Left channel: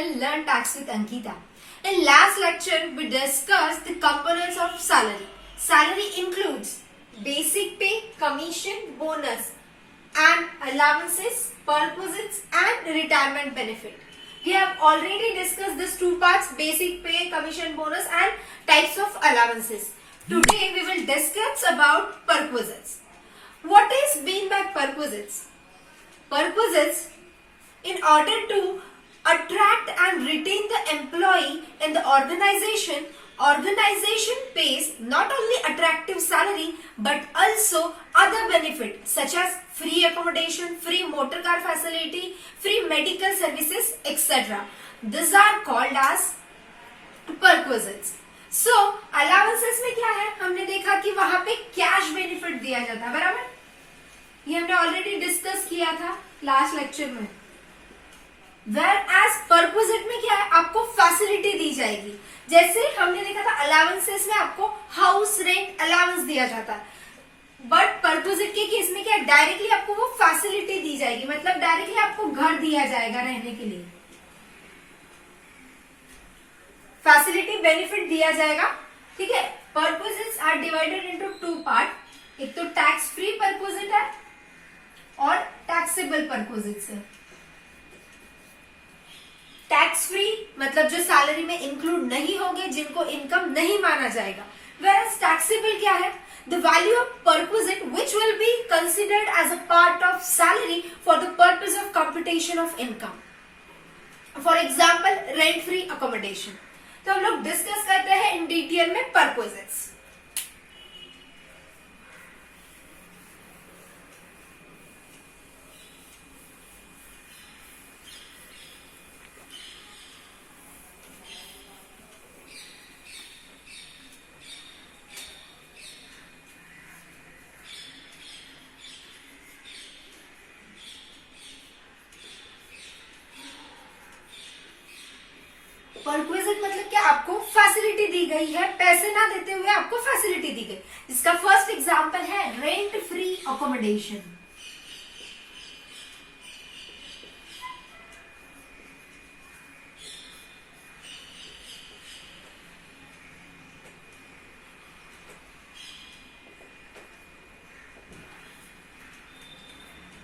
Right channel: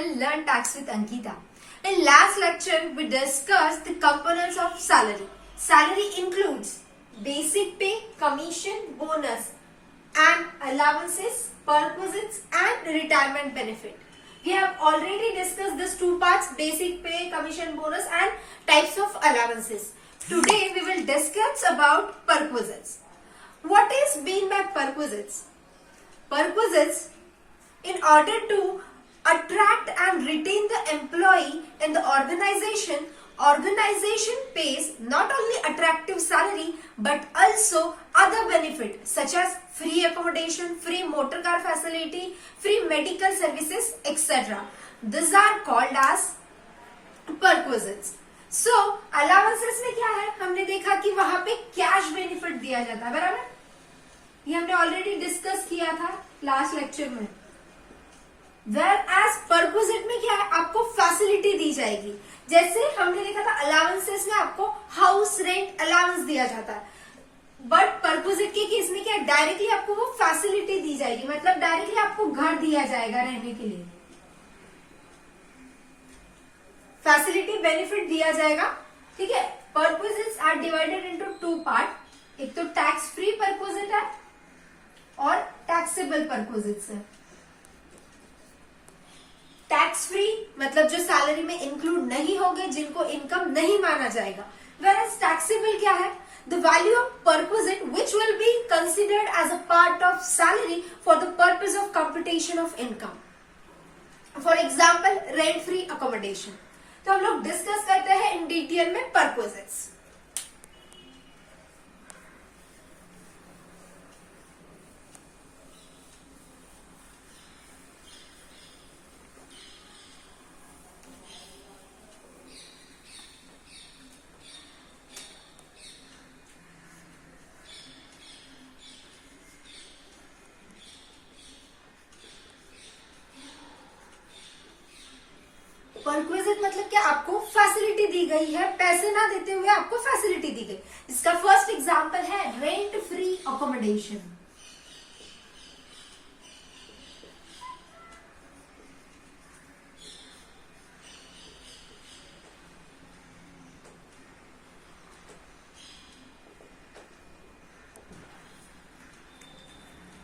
channel Learn Tax with Ankita. In last lecture, we discussed the components of salary. Salary includes basic pay, commission, bonus, and allowances, perquisites, and retirement benefit. We have already discussed these two parts: basic pay, commission, bonus, and types of allowances. Today, we will discuss about perquisites. What is mean by perquisites? Perquisites, in order to attract and retain the employee in the organization pays not only attractive salary but also other benefits such as free accommodation, free motor car facility, free medical services, etc. These are called as perquisites. So allowances में क्या है, हमने देखा कि वहां पे cash benefit दिया जाता है, बराबर? ये हमने ऑलरेडी डिस्कस किया था लास्ट लेक्चर में. Whereas perquisite में क्या है, आपको फैसिलिटी दी जाएगी. जैसे हमने देखा था अलाउंसेस में आपको हाउस रेंट अलाउंस दिया जाता है, बट perquisite के केस में क्या है, डायरेक्टली आपको वो फैसिलिटी दी जाएगी, मतलब डायरेक्टली आपको घर दिया जाएगा रहने के लिए, फैसिलिटी बेनिफिट दिया जाएगा. ठीक है. perquisites are divided into two part. एक तो टैक्स फ्री perquisite है और टैक्सेबल perquisites है. टैक्स फ्री मतलब जो सैलरी में इंक्लूड नहीं होंगे, जिनको इनकम नहीं माना जाएगा. whereas टैक्सेबल क्या है, the value of perquisite which will be considered as a part of salary for the purpose of computation of income. For example, rent free accommodation. तो हम लोग डिस्कस करते हैं इन डिटेल में perquisites. परक्विजिट मतलब क्या, आपको फैसिलिटी दी गई है, पैसे ना देते हुए आपको फैसिलिटी दी गई. इसका फर्स्ट एग्जांपल है रेंट फ्री अकोमोडेशन.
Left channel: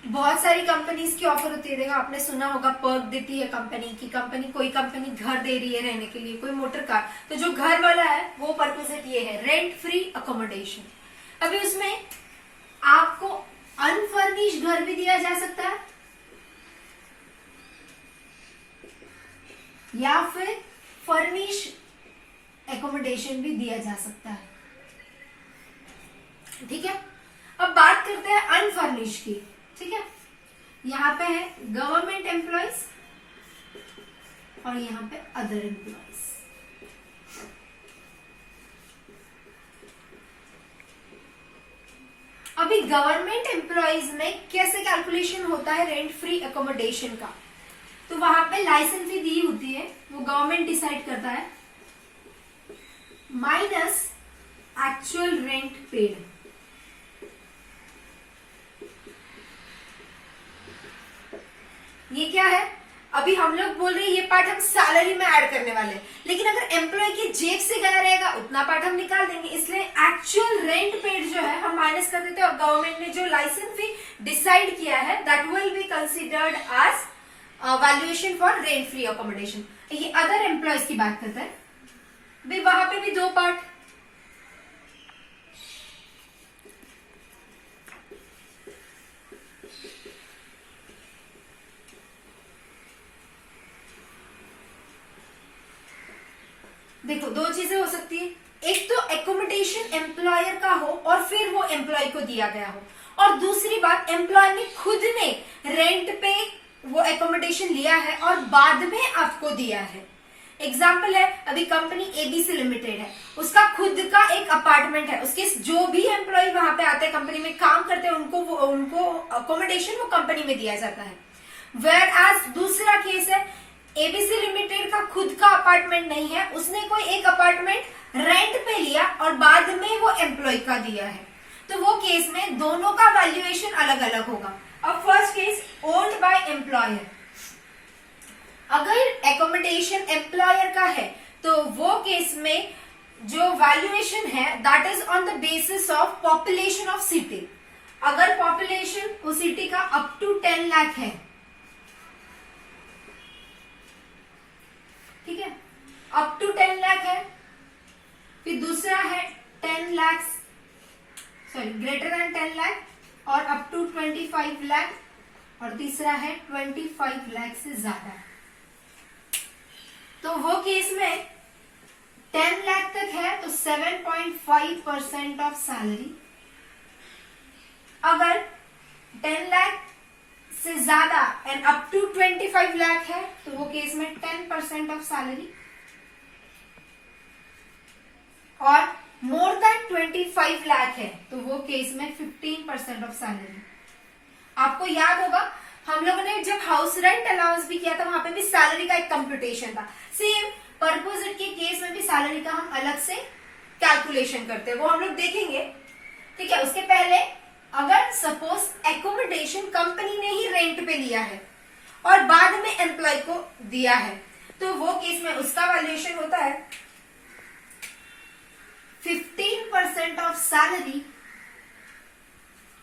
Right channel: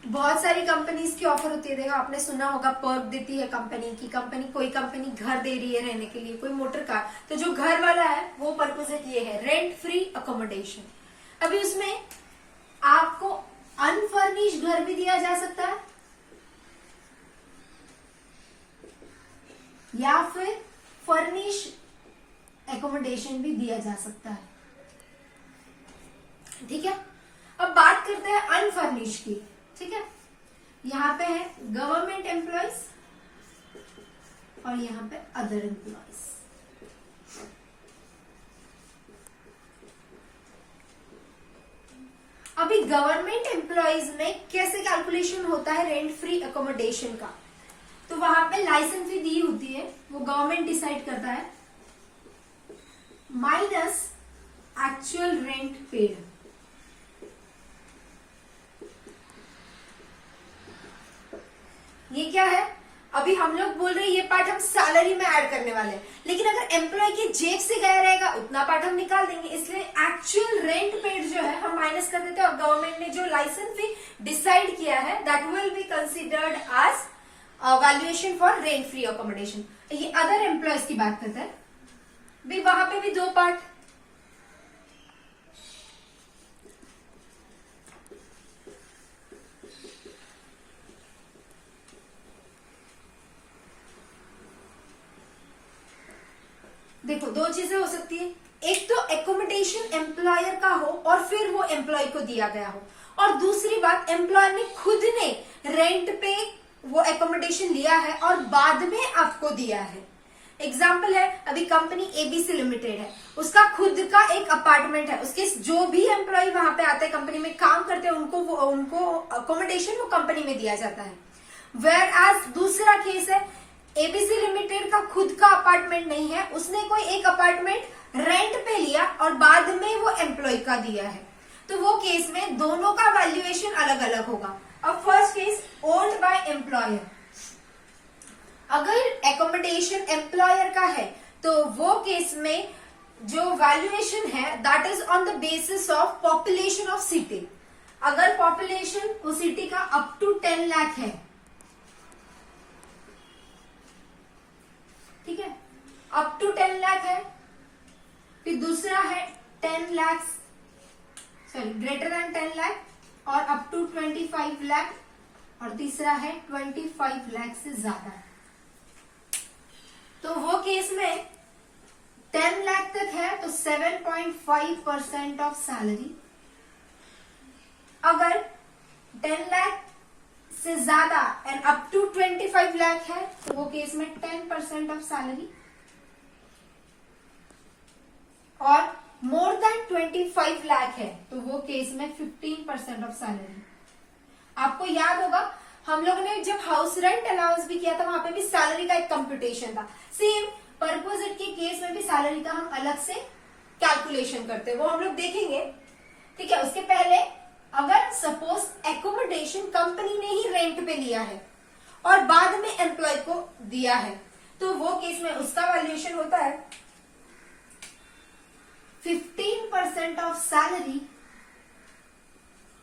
बहुत सारी कंपनीज की ऑफर होती है. देखो, आपने सुना होगा पर्क देती है कंपनी की, कोई कंपनी घर दे रही है रहने के लिए, कोई मोटर कार. तो जो घर वाला है वो परक्विजिट ये है, रेंट फ्री अकोमोडेशन. अभी उसमें आपको अनफर्निश्ड घर भी दिया जा सकता है या फिर फर्निश एकोमोडेशन भी दिया जा सकता है. ठीक है. अब बात करते हैं अनफर्निश्ड की. ठीक है. यहाँ पे है गवर्नमेंट एम्प्लॉयज और यहाँ पे अदर एम्प्लॉयज. अभी गवर्नमेंट एम्प्लॉयज में कैसे कैलकुलेशन होता है रेंट फ्री अकोमोडेशन का, तो वहां पे लाइसेंस फी दी होती है, वो गवर्नमेंट डिसाइड करता है, माइनस एक्चुअल रेंट पेड. ये क्या है, अभी हम लोग बोल रहे हैं ये पार्ट हम सैलरी में ऐड करने वाले हैं, लेकिन अगर एम्प्लॉय की जेब से गया रहेगा उतना पार्ट हम निकाल देंगे. इसलिए एक्चुअल रेंट पेड जो है हम माइनस कर देते हैं, और गवर्नमेंट ने जो लाइसेंस फी डिसाइड किया है that will be considered as valuation for rent free accommodation. ये अदर एम्प्लॉयज की बात करता है. भाई वहां पे भी दो पार्ट. देखो, दो चीजें हो सकती है. एक तो एकोमोडेशन एम्प्लॉयर का हो और फिर वो एम्प्लॉय को दिया गया हो, और दूसरी बात एम्प्लॉयर ने खुद ने रेंट पे वो एकोमोडेशन लिया है और बाद में आपको दिया है. एग्जाम्पल है, अभी कंपनी एबीसी लिमिटेड है, उसका खुद का एक अपार्टमेंट है, उसके जो भी एम्प्लॉय वहां पे आते हैं कंपनी में काम करते हैं उनको अकोमोडेशन वो कंपनी में दिया जाता है. वेयर एज दूसरा केस है, एबीसी लिमिटेड का खुद का अपार्टमेंट नहीं है, उसने कोई एक अपार्टमेंट रेंट पे लिया और बाद में वो एम्प्लॉय का दिया है. तो वो केस में दोनों का वैल्यूएशन अलग अलग होगा. अब first case owned by employer. अगर एकोमोडेशन एम्प्लॉयर का है तो वो केस में जो वैल्यूएशन है that is on the basis of population of city. अगर पॉपुलेशन उस सिटी का अप टू 10 लाख है, ठीक है, अप टू 10 लाख है। फिर दूसरा है 10 lakh, sorry greater than 10 lakh और अप टू 25 लाख, और तीसरा है 25 लाख से ज्यादा। तो वो केस में 10 लाख तक है तो 7.5% ऑफ सैलरी। अगर 10 लाख से ज्यादा एंड अप टू 25 लाख है तो वो केस में 10% ऑफ सैलरी, और मोर देन 25 लाख है तो वो केस में 15% ऑफ सैलरी। आपको याद होगा हम लोगों ने जब हाउस रेंट अलाउंस भी किया था वहां पे भी सैलरी का एक कंप्यूटेशन था। सेम परपोजिट के केस में भी सैलरी का हम अलग से कैलकुलेशन करते हैं, वो हम लोग देखेंगे, ठीक है। उसके पहले अगर सपोज एकोमोडेशन कंपनी ने ही रेंट पे लिया है और बाद में एम्प्लॉय को दिया है तो वो केस में उसका वैल्यूएशन होता है 15% ऑफ सैलरी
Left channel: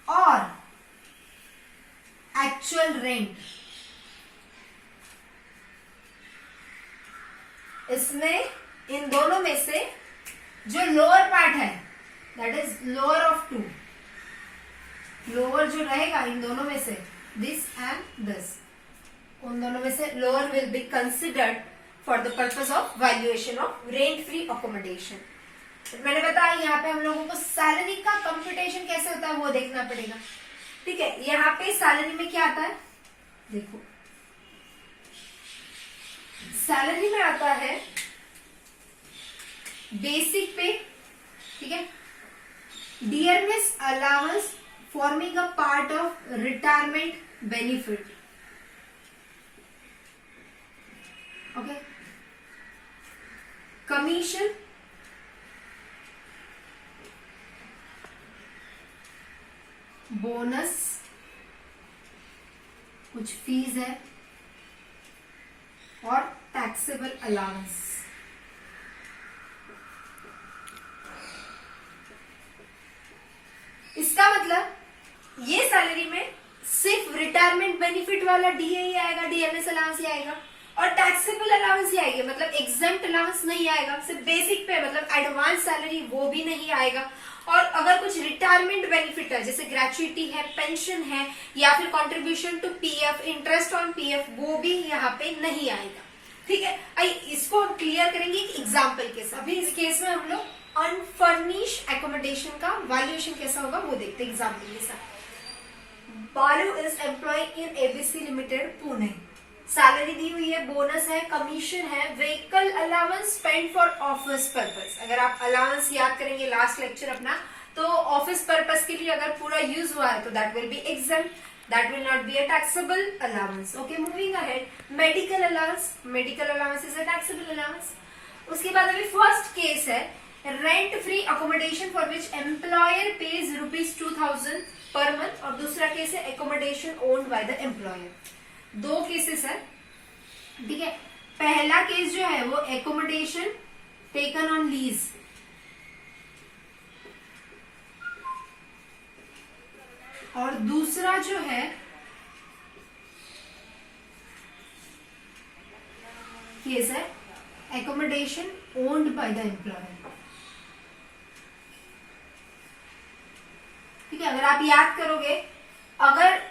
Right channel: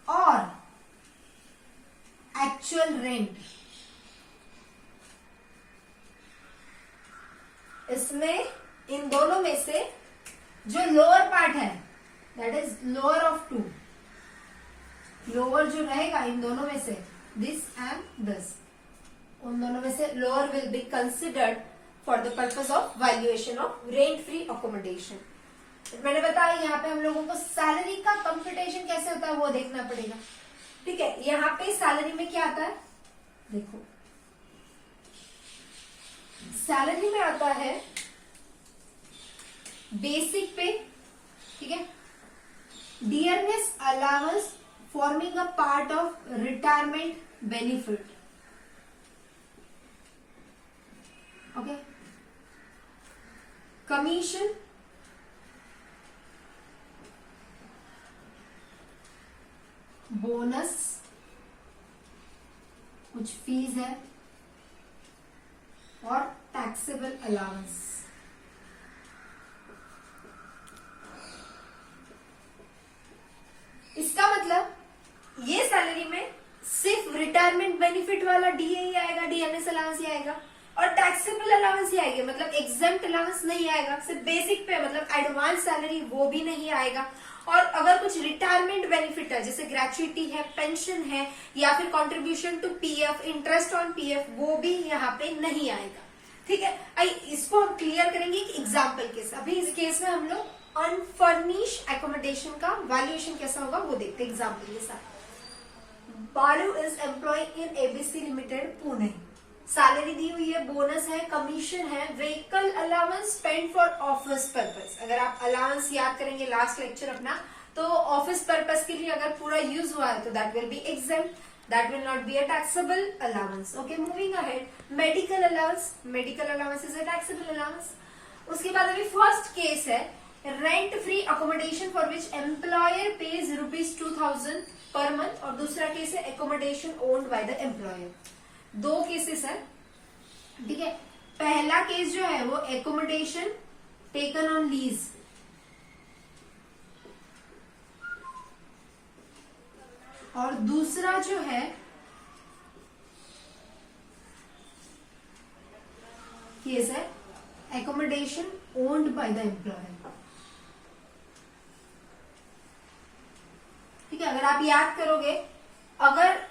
और एक्चुअल रेंट। इसमें इन दोनों में से जो लोअर पार्ट है that is lower of two, lower जो रहेगा इन दोनों में से दिस एंड दिस, उन दोनों में से lower will be considered for the purpose of valuation of rent free accommodation. मैंने बताया यहाँ पे हम लोगों को सैलरी का कंप्यूटेशन कैसे होता है वो देखना पड़ेगा, ठीक है। यहाँ पे सैलरी में क्या आता है, देखो सैलरी में आता है बेसिक पे, ठीक है, dearness allowance forming a part of retirement benefit, okay, commission, bonus, कुछ फीस है और टैक्सेबल अलाउंस। इसका मतलब ये सैलरी में सिर्फ रिटायरमेंट बेनिफिट वाला डीए ही आएगा, डीएनएस अलाउंस ही आएगा, और टैक्सेबल अलाउंस ही आएगी, मतलब एग्जेम्प्ट अलाउंस नहीं आएगा। सिर्फ बेसिक पे मतलब एडवांस सैलरी वो भी नहीं आएगा। और अगर कुछ रिटायरमेंट बेनिफिट है जैसे ग्रेचुइटी है, पेंशन है, या फिर contribution to PF, interest on PF, वो भी यहाँ पे नहीं आएगा, ठीक है। इसको हम क्लियर करेंगे एक एग्जाम्पल के साथ। अभी इस केस में हम लोग अनफर्निश एकोमोडेशन का वैल्यूएशन कैसा होगा वो देखते हैं एग्जाम्पल के साथ। Balu is employ in ABC limited Pune, salary दी हुई है, बोनस है, कमीशन है, vehicle allowance spend for office purpose. अगर आप अलाउंस याद करेंगे लास्ट लेक्चर अपना, तो ऑफिस पर्पस के लिए अगर पूरा यूज हुआ है तो that will be exempt, that will not be a taxable allowance. Okay, moving ahead, medical allowance, medical allowance is a taxable allowance. उसके बाद अभी फर्स्ट केस है rent free accommodation for which employer page ₹2000 पर month, और दूसरा case है accommodation owned by the employer. दो cases है, ठीक है। पहला केस जो है वो एकोमोडेशन टेकन ऑन लीज, और दूसरा जो है केस है accommodation owned by the employer, ठीक है। अगर आप याद करोगे, अगर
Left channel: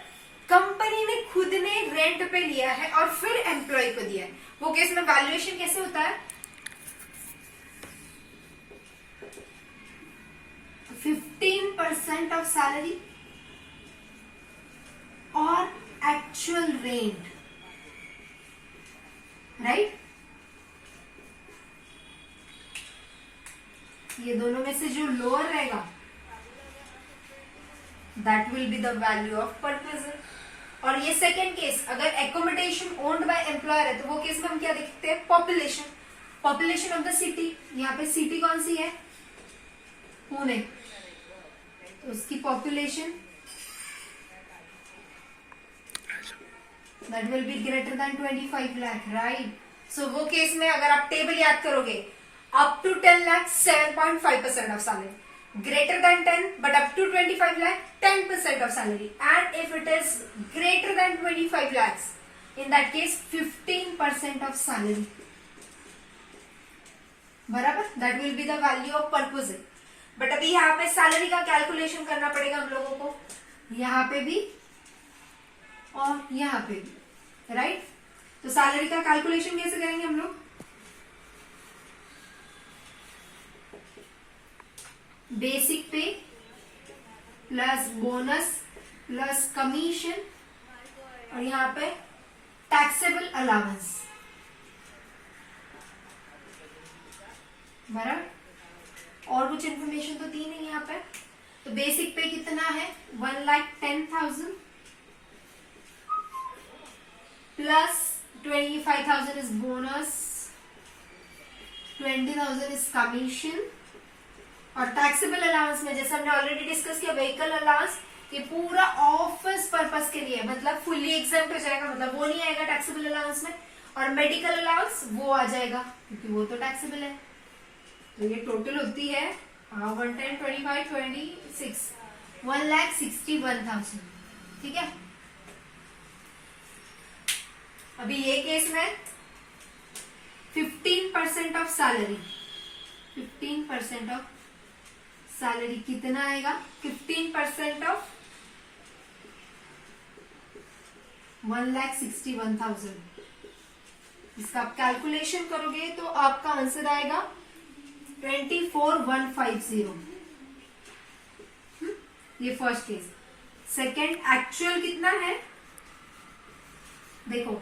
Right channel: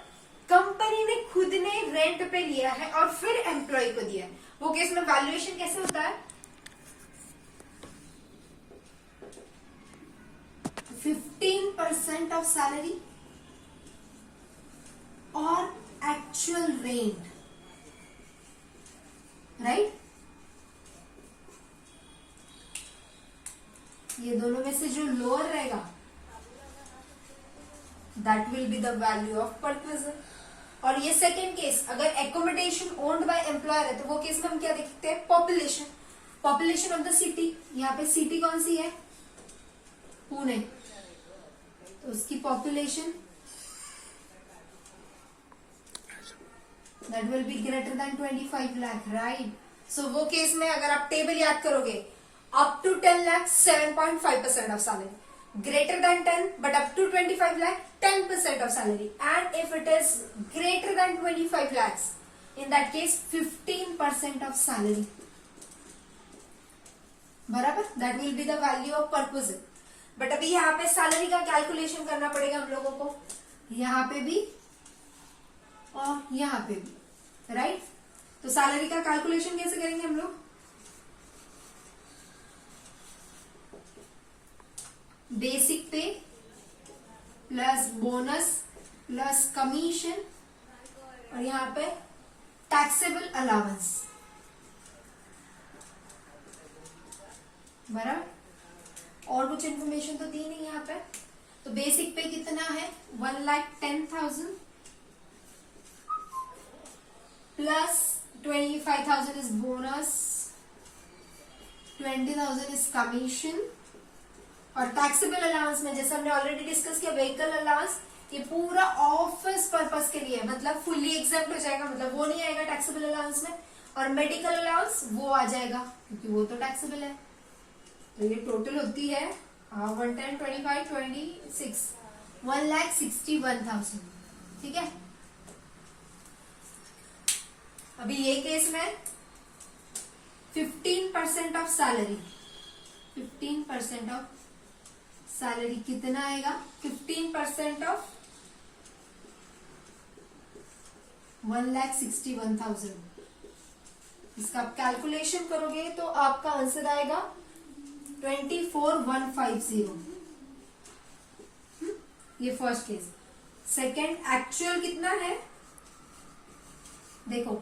कंपनी ने खुद ने रेंट पे लिया है और फिर एम्प्लॉय को दिया है, वो केस में वैल्यूएशन कैसे होता है, 15% ऑफ सैलरी और एक्चुअल रेंट, राइट। ये दोनों में से जो लोअर रहेगा that will be the value of purchase. और ये सेकेंड केस, अगर एकोमोडेशन ओन्ड बाय एम्प्लॉयर है तो वो केस में हम क्या देखते हैं, population, population of the city. यहाँ पे सिटी कौन सी है, पुणे, तो उसकी population that will be greater than 25 lakh, right. So वो केस में अगर आप टेबल याद करोगे, up to 10 lakh 7.5% of salary, greater than 10 but up to 25 lakh 10% of salary, and if it is greater than 25 lakhs in that case 15% of salary, बराबर, that will be the value of perquisite। But अभी यहाँ पे salary का calculation करना पड़ेगा हम लोगों को, यहाँ पे भी और यहाँ पे भी, राइट। तो सैलरी का कैलकुलेशन कैसे करेंगे हम लोग, बेसिक पे प्लस बोनस प्लस कमीशन और यहाँ पे टैक्सेबल अलाउंस, बराबर। और कुछ इन्फॉर्मेशन तो दी नहीं यहाँ पे। तो बेसिक पे कितना है, 1,10,000 plus 25,000 is bonus, 20,000 is commission, और टैक्सेबल अलाउंस में जैसे हमने ऑलरेडी डिस्कस किया, व्हीकल अलाउंस ये पूरा ऑफिस पर्पस के लिए, मतलब फुल्ली एग्जेम्प्ट हो जाएगा, मतलब वो नहीं आएगा टैक्सेबल अलाउंस में। और मेडिकल अलाउंस वो आ जाएगा क्योंकि वो तो टैक्सेबल है। तो ये टोटल होती है 110, 25, 26, 1,61,000, ठीक है। अभी ये केस में 15% ऑफ सैलरी, 15% ऑफ सैलरी कितना आएगा, 15% ऑफ 1,61,000। इसका आप कैलकुलेशन करोगे तो आपका आंसर आएगा 24,150। ये फर्स्ट केस। सेकेंड, एक्चुअल कितना है देखो,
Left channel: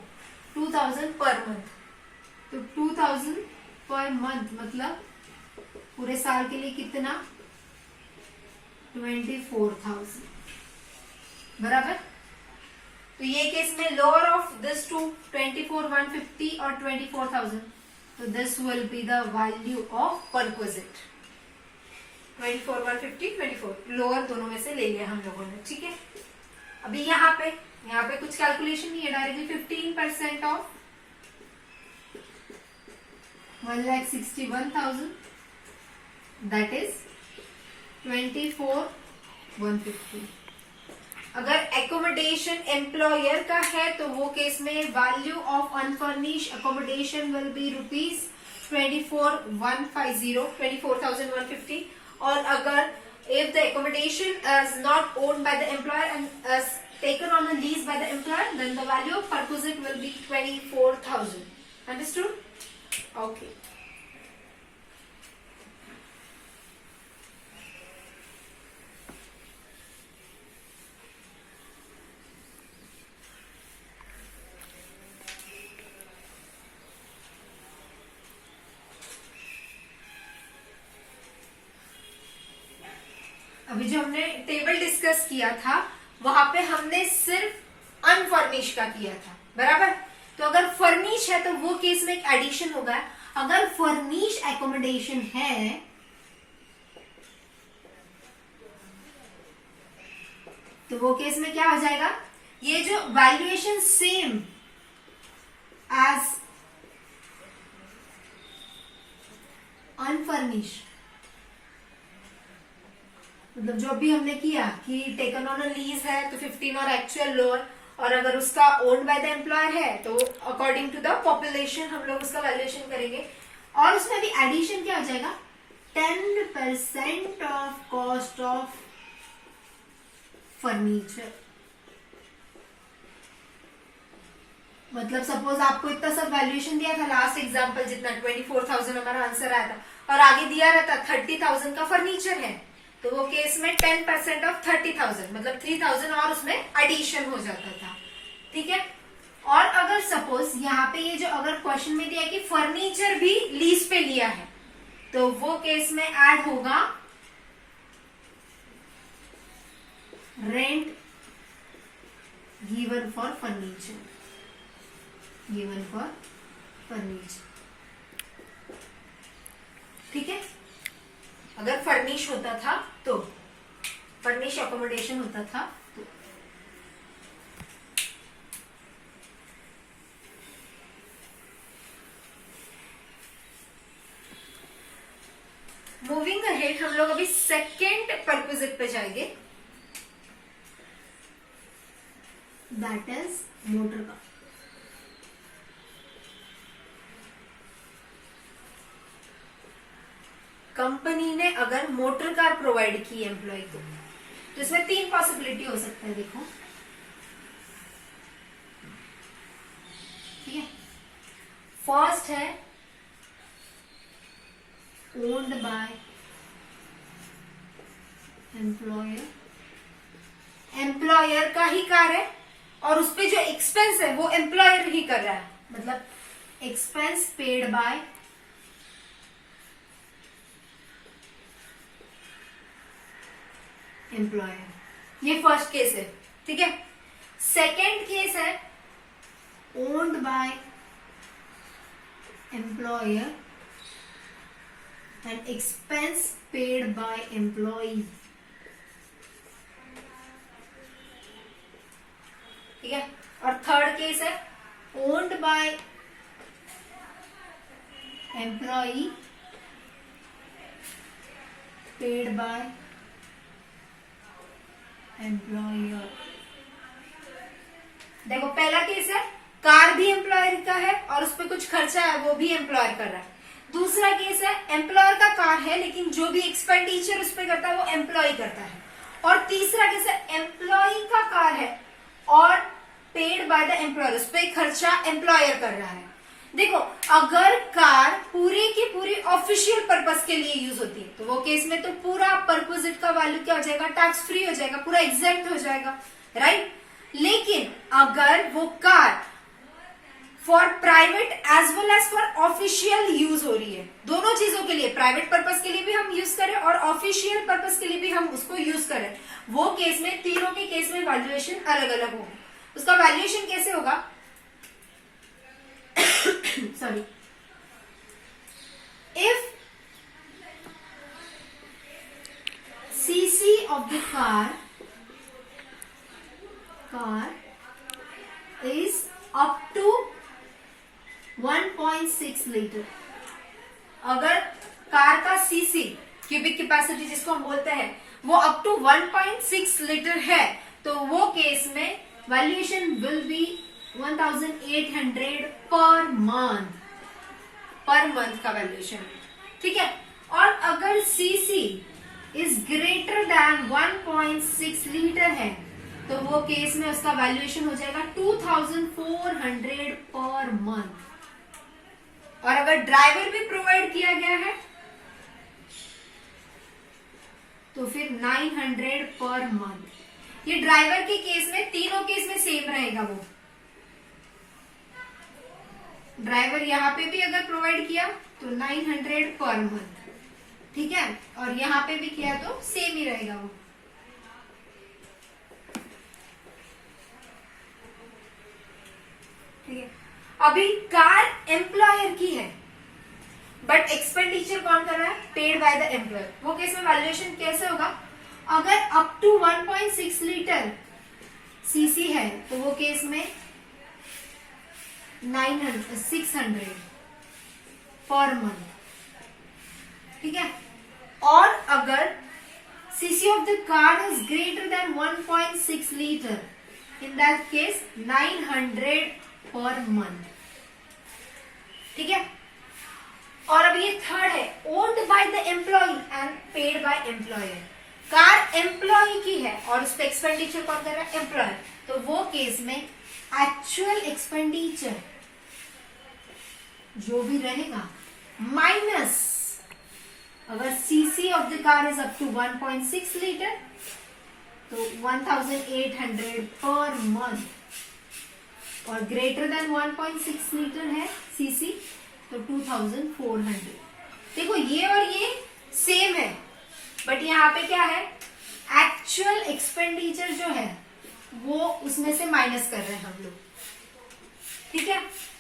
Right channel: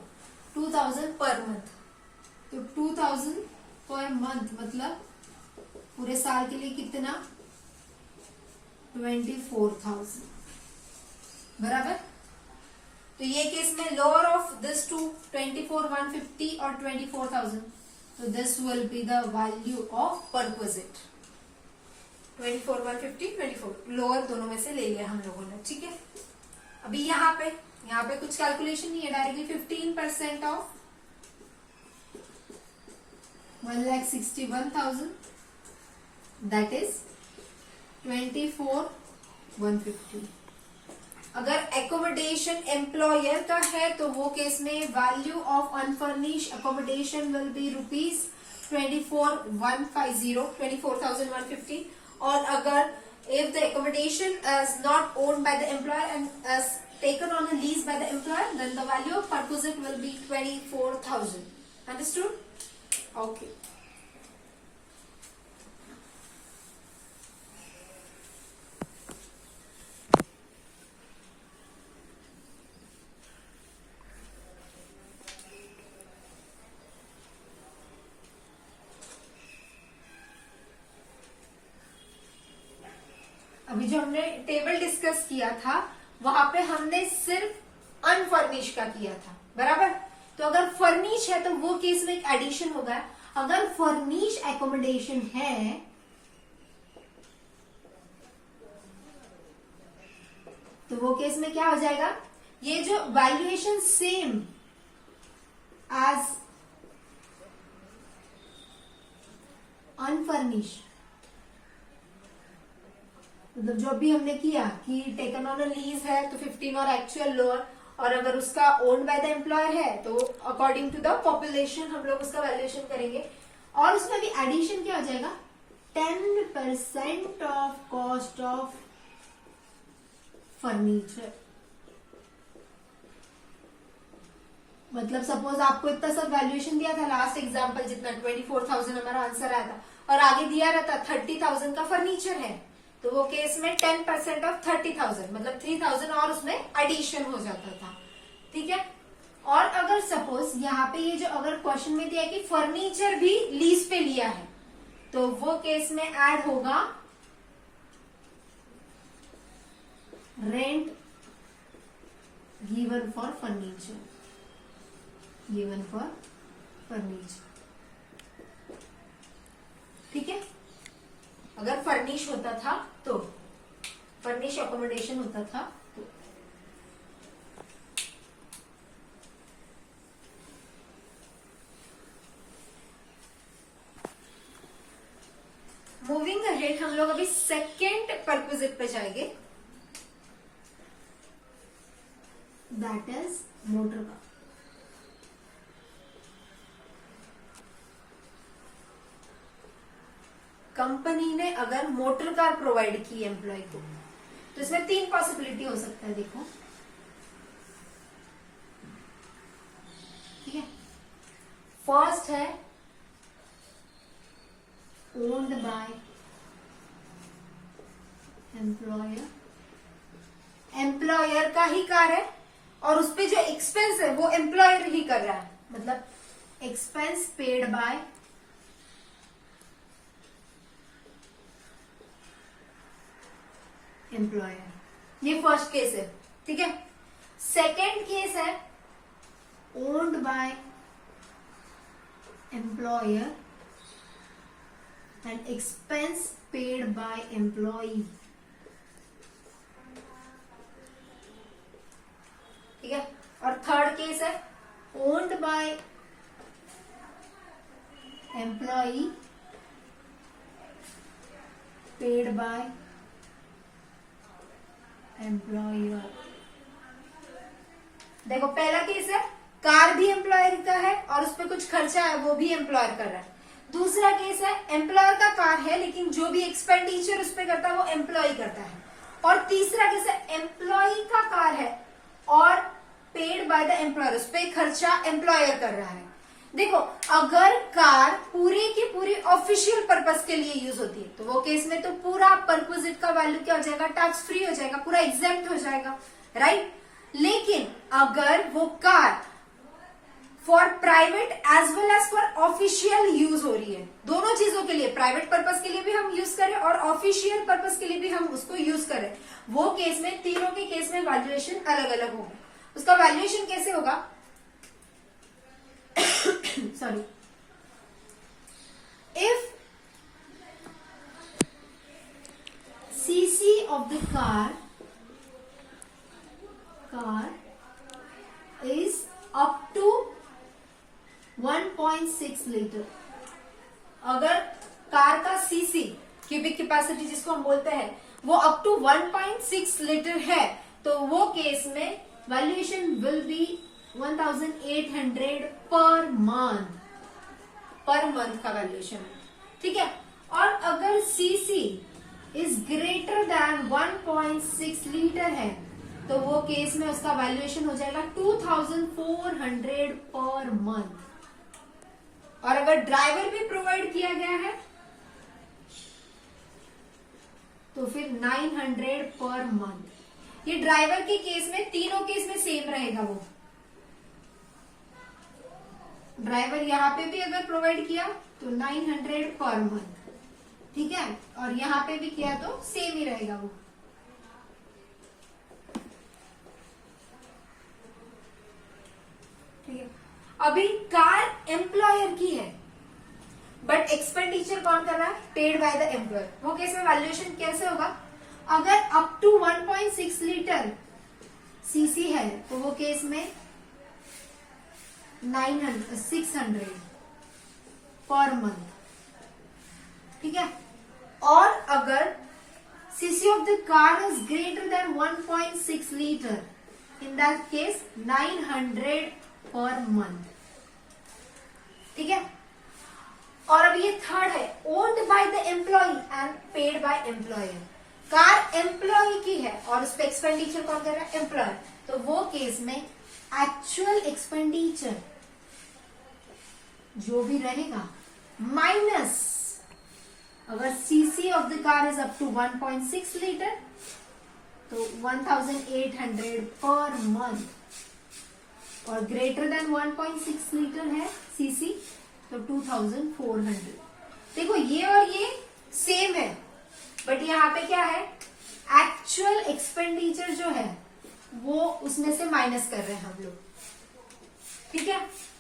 2,000 पर मंथ। तो 2,000 पर मंथ मतलब पूरे साल के लिए कितना, 24,000, बराबर। तो ये केस में लोअर ऑफ दिस टू 24,150 और 24,000, तो this will be the value of perquisite. 24,150, 24 lower दोनों में से ले लिया हम लोगों ने, ठीक है। अभी यहाँ पे कुछ कैलकुलेशन नहीं है, डायरेक्टली 15% ऑफ 1,61,000 दैट इज 24,150। अगर एकोमोडेशन एम्प्लॉयर का है तो वो केस में value of unfurnished accommodation will be rupees 24,150, 24,150। और अगर if the accommodation is not owned by the employer and is taken on a lease by the employer, then the value of perquisite will be 24,000. Understood? Okay. अभी जो हमने table discuss किया था वहां पे हमने सिर्फ अनफर्निश का किया था, बराबर। तो अगर फर्निश है तो वो केस में एक एडिशन होगा। अगर फर्निश एकोमोडेशन है तो वो केस में क्या हो जाएगा, ये जो वैल्यूएशन सेम एज अनफर्निश, मतलब जो भी हमने किया कि टेकन ऑन अ लीज है तो 15 और एक्चुअल लोअर, और अगर उसका ओन्ड बाय द एम्प्लॉयर है तो अकॉर्डिंग टू द पॉपुलेशन हम लोग उसका वैल्यूएशन करेंगे। और उसमें भी एडिशन क्या हो जाएगा, 10% ऑफ कॉस्ट ऑफ फर्नीचर। मतलब सपोज आपको इतना सब वैल्यूएशन दिया था, लास्ट एग्जांपल जितना 24,000 हमारा आंसर आया था, और आगे दिया रहता 30,000 का फर्नीचर है, तो वो केस में 10% ऑफ 30,000 मतलब 3,000 और उसमें एडिशन हो जाता था, ठीक है। और अगर सपोज यहाँ पे ये जो अगर क्वेश्चन में दिया कि फर्नीचर भी लीज पे लिया है, तो वो केस में ऐड होगा rent given for furniture, given for furniture, ठीक है। अगर फर्निश होता था तो, फर्निश अकोमोडेशन होता था तो। गोइंग अहेड हम लोग अभी सेकेंड परक्विजिट पे जाएंगे, that is motor car. Company ने अगर मोटर कार प्रोवाइड की एम्प्लॉय को, तो इसमें 3 पॉसिबिलिटी हो सकता है। देखो, ठीक है, फर्स्ट है ओन्ड बाय एम्प्लॉयर, एम्प्लॉयर का ही कार है और उसपे जो एक्सपेंस है वो एम्प्लॉयर ही कर रहा है, मतलब एक्सपेंस पेड बाय एम्प्लॉयर, ये फर्स्ट केस है। ठीक है, सेकेंड केस है owned by employer and expense paid bye employee. ठीक है, और थर्ड केस है owned bye employee paid by employer. देखो, पहला केस है कार भी एम्प्लॉयर का है और उस पर कुछ खर्चा है वो भी एम्प्लॉयर कर रहा है। दूसरा केस है एम्प्लॉयर का कार है लेकिन जो भी एक्सपेंडिचर उस पर करता है वो एम्प्लॉय करता है। और तीसरा केस है एम्प्लॉय का कार है और पेड बाय द एम्प्लॉयर, उस पर खर्चा एम्प्लॉयर कर रहा है। देखो, अगर कार पूरी की पूरी ऑफिशियल पर्पस के लिए यूज होती है तो वो केस में तो पूरा परक्विजिट का वैल्यू क्या हो जाएगा, टैक्स फ्री हो जाएगा, पूरा एग्जेम्प्ट हो जाएगा, राइट। लेकिन अगर वो car for private as well as for official use हो रही है, दोनों चीजों के लिए, प्राइवेट पर्पस के लिए भी हम यूज करें और ऑफिशियल पर्पस के लिए भी हम उसको यूज करें, वो केस में, तीनों के केस में वैल्यूएशन अलग अलग होगा। उसका वैल्यूएशन कैसे होगा, sorry, if cc of the car is up to 1.6 litre, अगर कार का सीसी, क्यूबिक कैपेसिटी जिसको हम बोलते हैं, वो अप टू 1.6 लीटर है, तो वो केस में valuation will be 1800 per month का वैल्यूएशन। ठीक है, और अगर CC is greater than 1.6 litre है तो वो केस में उसका वैल्यूएशन हो जाएगा 2400 पर मंथ। और अगर ड्राइवर भी प्रोवाइड किया गया है तो फिर 900 पर मंथ। ये ड्राइवर के केस में, तीनों केस में सेम रहेगा। वो ड्राइवर यहाँ पे भी अगर प्रोवाइड किया तो 900 पर मंथ, ठीक है, और यहाँ पे भी किया तो सेम ही रहेगा वो। ठीक है, अभी कार एम्प्लॉयर की है बट एक्सपेंडिचर कौन कर रहा है, पेड बाय द एम्प्लॉयर। वो केस में वैल्यूएशन कैसे होगा, अगर अप टू 1.6 लीटर सीसी है तो वो केस में 600 पर मंथ। ठीक है, और अगर CC of the car is greater than 1.6 litre, in that case 900 per month. ठीक है, और अब ये थर्ड है owned by the employee and paid by employer. Car employee की है और उसका एक्सपेंडिचर कौन कर रहा है, एम्प्लॉयर। तो वो केस में एक्चुअल एक्सपेंडिचर जो भी रहेगा माइनस, अगर CC of the car is up to 1.6 litre तो 1800 पर मंथ, और ग्रेटर देन 1.6 लीटर है सीसी तो 2400। देखो, ये और ये सेम है बट यहाँ पे क्या है, एक्चुअल एक्सपेंडिचर जो है वो उसमें से माइनस कर रहे हैं हम लोग। ठीक है,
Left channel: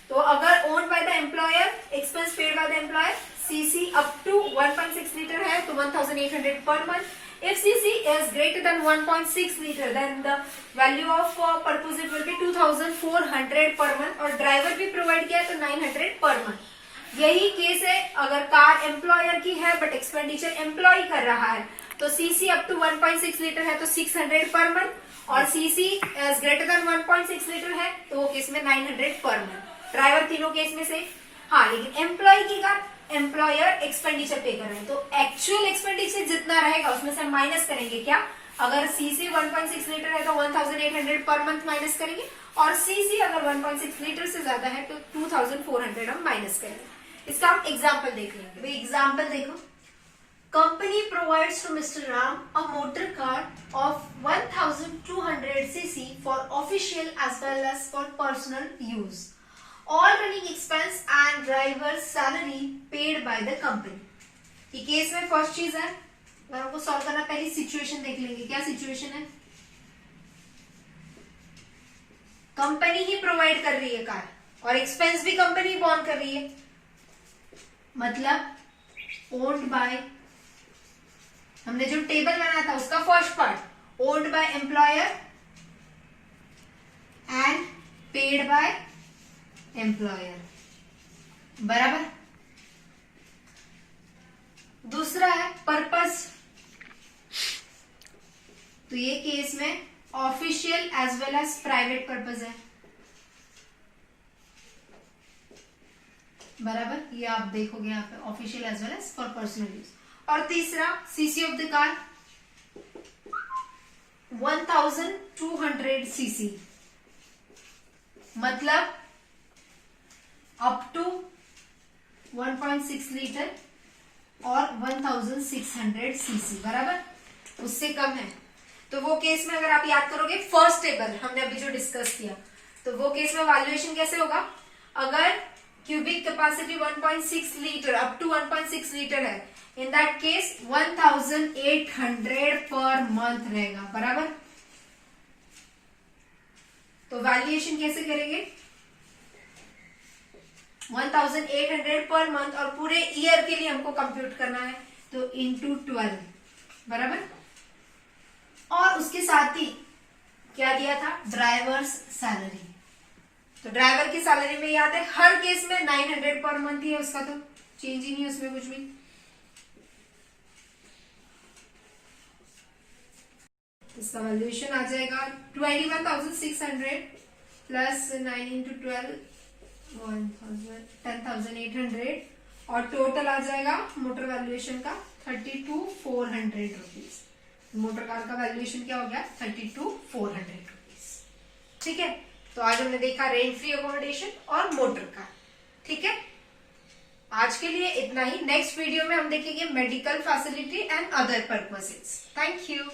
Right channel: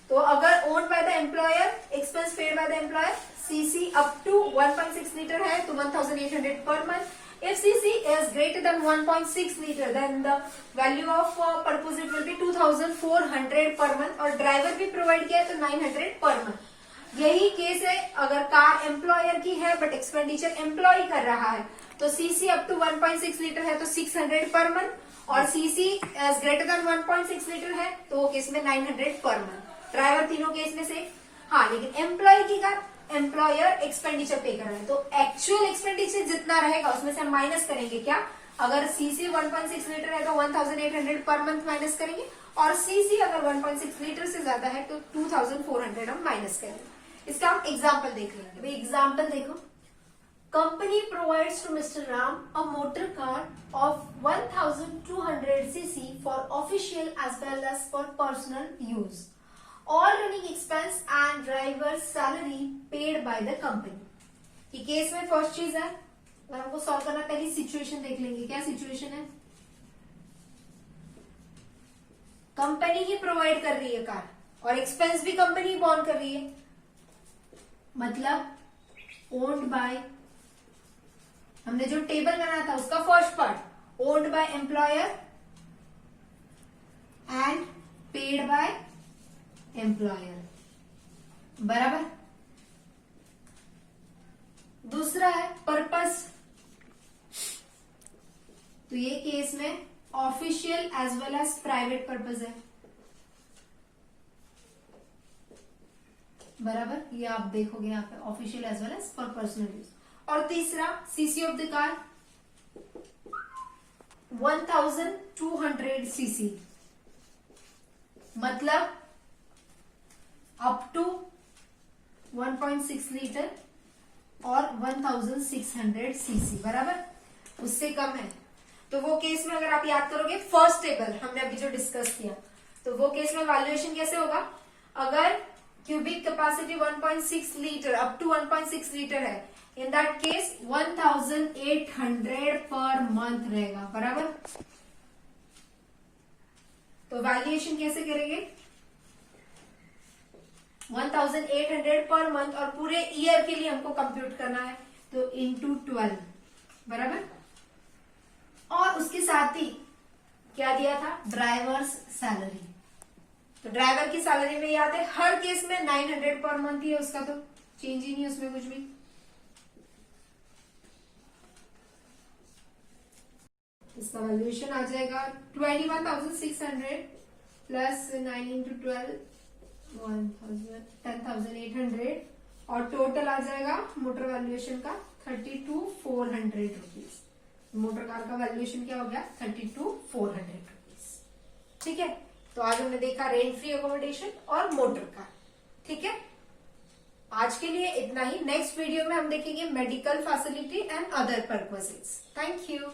तो अगर owned by the employer, expense paid by the employer, CC up to 1.6 litre है तो 1800 per month. If CC is greater than 1.6 liter, then the value of perquisite will be 2400 per month, और ड्राइवर भी provide किया है तो 900 per month. यही case है अगर कार एम्प्लॉयर की है बट एक्सपेंडिचर एम्प्लॉय कर रहा है, तो सीसी अप टू 1.6 लीटर है तो 600 पर मंथ, और CC as greater than 1.6 litre है तो वो केस में 900 पर मंथ। ड्राइवर तीनों केस में से। हाँ, लेकिन एम्प्लॉय की कार एम्प्लॉयर एक्सपेंडिचर पे कर रहे हैं, तो एक्चुअल एक्सपेंडिचर जितना रहेगा उसमें से हम माइनस करेंगे क्या, अगर सीसी 1.6 लीटर है तो 1800 पर मंथ माइनस करेंगे, और सीसी अगर 1.6 लीटर से ज्यादा है तो 2400 हम माइनस करेंगे। इसका हम एग्जाम्पल देख लेंगे। भाई एग्जाम्पल देखो, company provides to mister Ram a motor car of 1200 cc for official as well as for personal use, all running expense and driver salary paid by the company. ये केस में first चीज है, अगर हमको सॉल्व करना, पहली situation देख लेंगे। क्या सिचुएशन है, कंपनी ही प्रोवाइड कर रही है कार और एक्सपेंस भी कंपनी बॉर्न कर रही है, मतलब ओन्ड बाय, हमने जो टेबल बनाया था उसका first part, owned by employer and paid by employer, बराबर। दूसरा है पर्पस, तो ये केस में official as well as private purpose है, बराबर। ये आप देखोगे यहाँ पे official as well as for personal use. और तीसरा CC of the car 1200 CC, मतलब अप टू 1.6 लीटर और 1600 सीसी, बराबर। उससे कम है तो वो केस में अगर आप याद करोगे फर्स्ट टेबल हमने अभी जो डिस्कस किया, तो वो केस में वैल्यूएशन कैसे होगा, अगर cubic capacity 1.6 litre up to 1.6 litre है, in that case 1800 per month रहेगा, बराबर। तो वैल्यूएशन कैसे करेंगे, 1800 पर मंथ, और पूरे ईयर के लिए हमको कंप्यूट करना है तो इंटू 12, बराबर। और उसके साथ ही क्या दिया था, ड्राइवर्स सैलरी, तो ड्राइवर की सैलरी में याद है हर केस में 900 पर मंथ ही है, उसका तो चेंज ही नहीं है उसमें कुछ भी। इसका वैल्यूएशन आ जाएगा 21,600 प्लस 9 इंटू 12 10,800, और टोटल आ जाएगा मोटर वैल्यूएशन का 32,400 रुपीज। मोटर कार का वैल्यूएशन क्या हो गया, 32,400 रुपीज। ठीक है, तो आज हमने देखा रेंट फ्री अकोमोडेशन और मोटर कार। ठीक है, आज के लिए इतना ही। नेक्स्ट वीडियो में हम देखेंगे medical facility and other purposes. Thank you.